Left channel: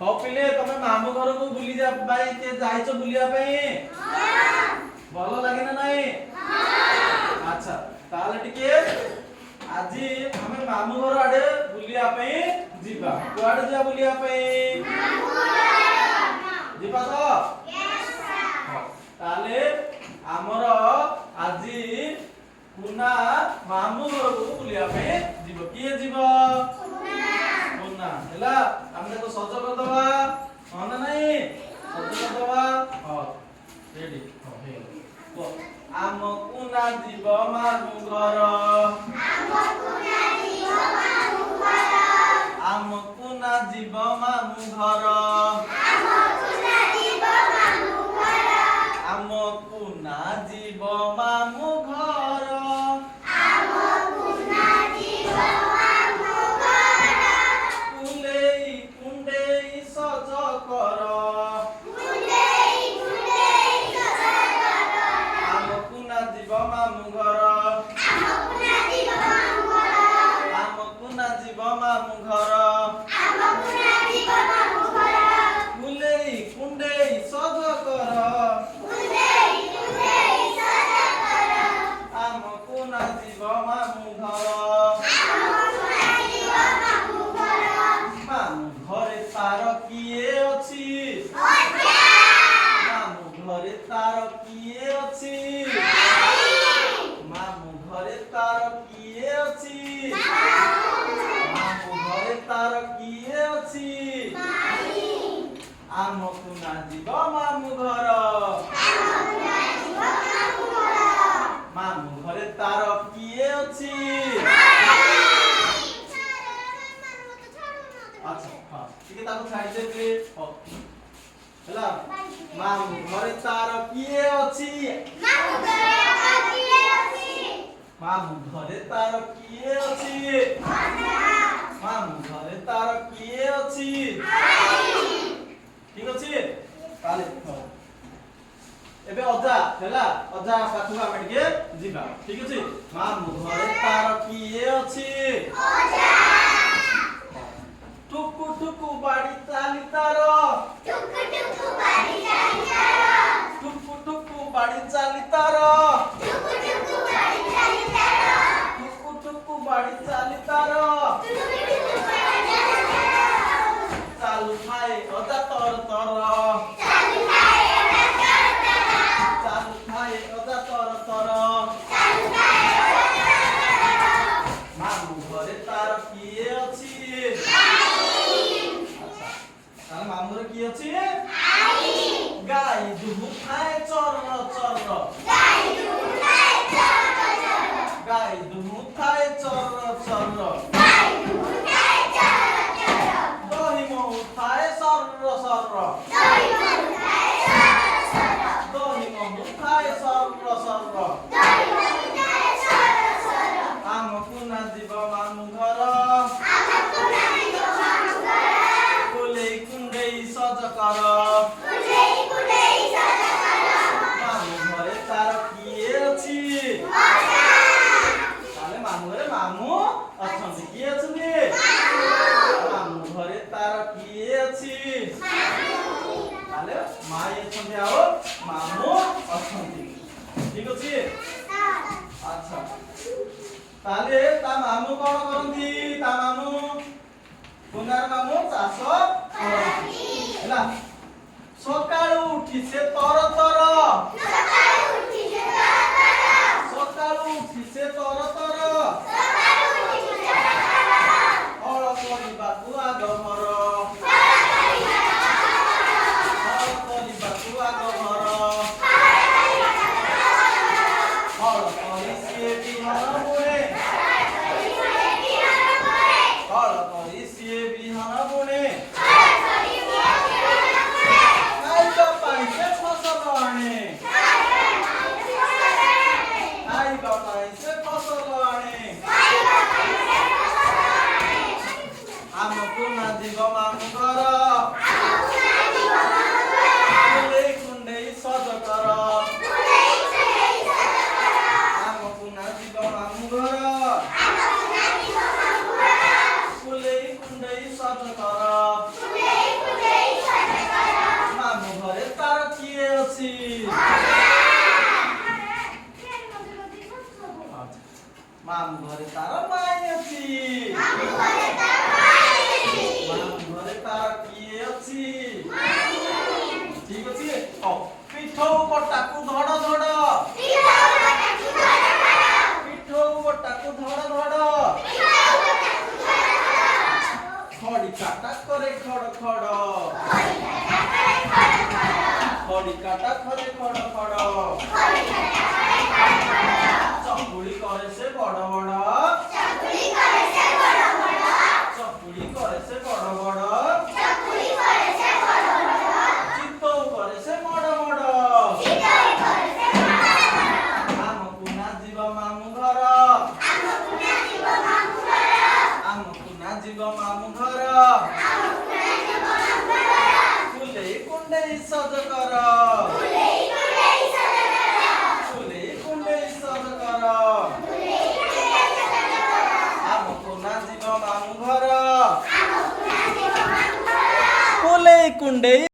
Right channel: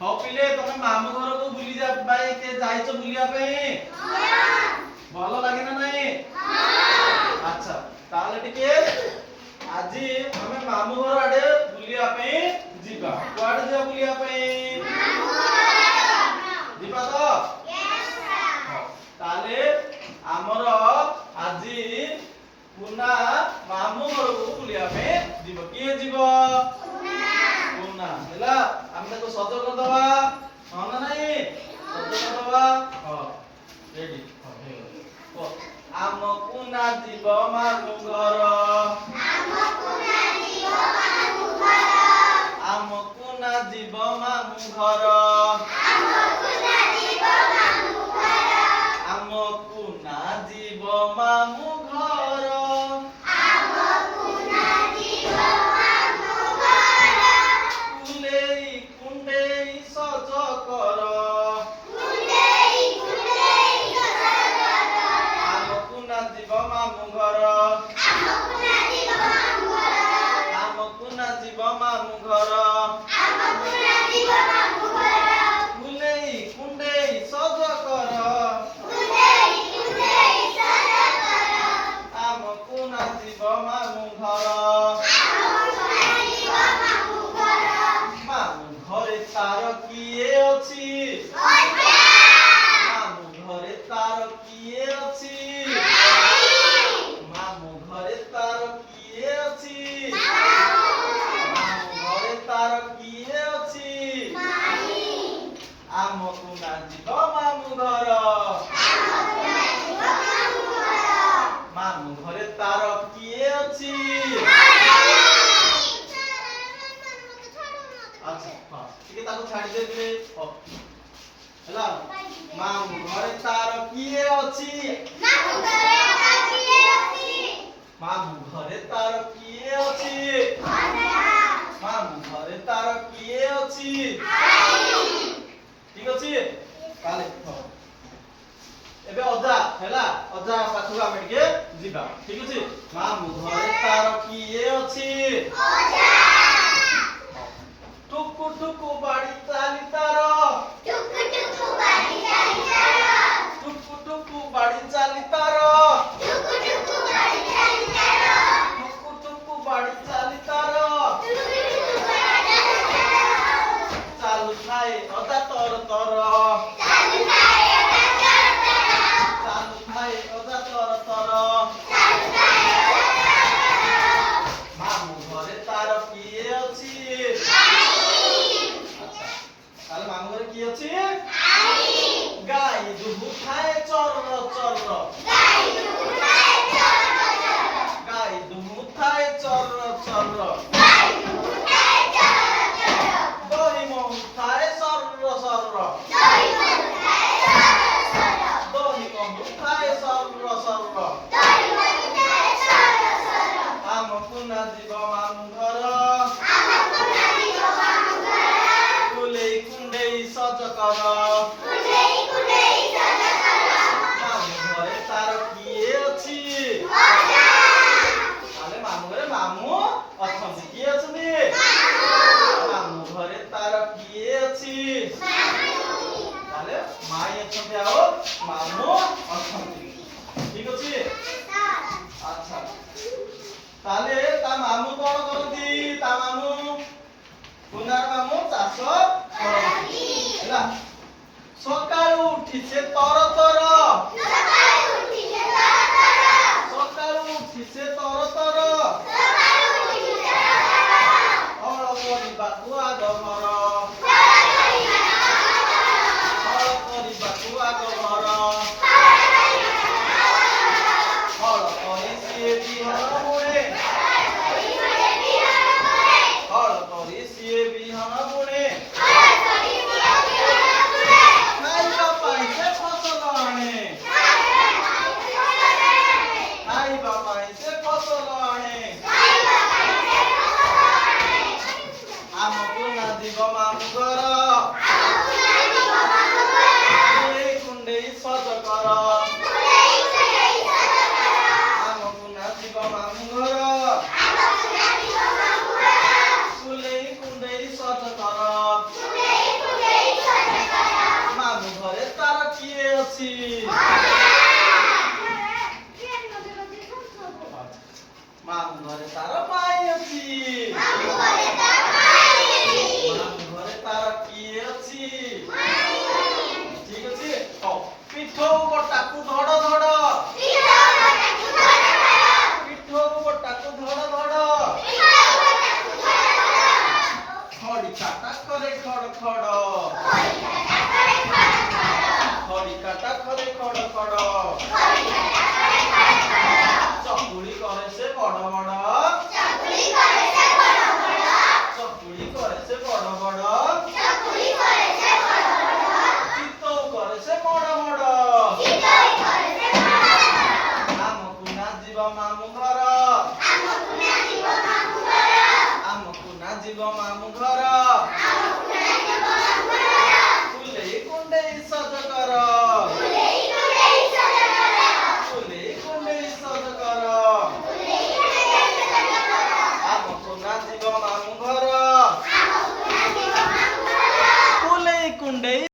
हो पिले तमे मामू घर को बुली जा भाई के जाइछो बुलिया पे हां भलो लागे ना नाही हां अच्छा ताले टिके आजी हमें मामू घर आडे बुलिया पे जीबा कुआडे जा बुलिया पे मामू घर जीबा तो यस सर ताले हमर आजी पुना मामू घर को बुलिया पे जीबो किए जीबो पुना हैला हमने तो सज कर दबा माना नहीं सज कर दबा हां रेडी हो हे को आम पुना जीव मामू घर आम पुना जीव मामू घर आम पुना जीव मामू घर मामू घरे तार किए अछि मामू घरे तार किए अछि मामू घरे तार किए अछि ठीक अछि ताले एबे अजा हैला अजा पाखु आमे टिके जिबा ठीक अछि मामू घरे तार किए अछि अजा टुकु टुकु बाड़ी चाली तार टुकु टुकु बाड़ी चाली तार टुकु टुकु बाड़ी चाली तार टुकु टुकु बाड़ी चाली तार टुकु टुकु बाड़ी चाली तार चालू थाए अजा तर तर चालू थाए अजा तर तर चालू थाए अजा तर तर चालू थाए अजा तर मामू घरे तार किए अछि मामू घर की अछि गाय दुहु खाए चर चर गाय दुहु खाए चर चर गाय दुहु खाए चर चर गाय दुहु खाए चर चर दही महु खाए सर सर दही महु खाए सर सर दही महु खाए सर सर दही महु खाए सर सर आम पुना जीव मामू घर सज कर मामू घरे तार किए अछि ताले मामू घरे मामू अछंती किए अछंती मामू घरे तार किए अछि ताले माई अछंती आओ मामू अछंती ठीक अछि अच्छा ताले ता मामू कोन करंती ता मामू पुनार मामू चाष करंती हैला सकाळू उठी से तर तर सकाळू उठी से तर तर सकाळू उठी से तर तर सकाळू उठी से तर तर हळ करिबाकू आग घर हळ करिबाकू आग घर हळ करि सिए बिहन बुणे हळ करि सिए बिहन बुणे सज कर ଅଛି। ମାମୁଁ ଘରେ ତାର ମାଇଁ ଅଛି। ମାମୁଁ ଘରେ ତାର କିଏ ଅଛି? ଠିକ ଅଛି। ପିଠଉ ଗୋଟାକୁ ଧଡ଼ ଧଡ଼। ପିଠଉ ଗୋଟାକୁ ଧଡ଼ ଧଡ଼। ଖଡ଼ିକାଟା କରେ ଖଡ଼ ଖଡ଼। ଖଡ଼ିକାଟା କରେ ଖଡ଼ ଖଡ଼। ଚକୁଳି କରେ ସେ ବଡ଼ ବଡ଼। ଚକୁଳି କରେ ସେ ବଡ଼ ବଡ଼। ଚିତଉ କରେ ସେ ବଡ଼ ବଡ଼। ଆମକୁ ନା ଯିବ ମାମୁଁ ଘର। ଆମକୁ ନା ଯିବ ମାମୁଁ ଘର। କୁଲେଇ କୁଣ୍ଡେଇ ସଜ କର। କୁଲେଇ କୁଣ୍ଡେଇ ସଜ କର। ଆମକୁ ନା ଯିବ ମାମୁଁ ଘର। କୁଲେଇ କୁଣ୍ଡେଇ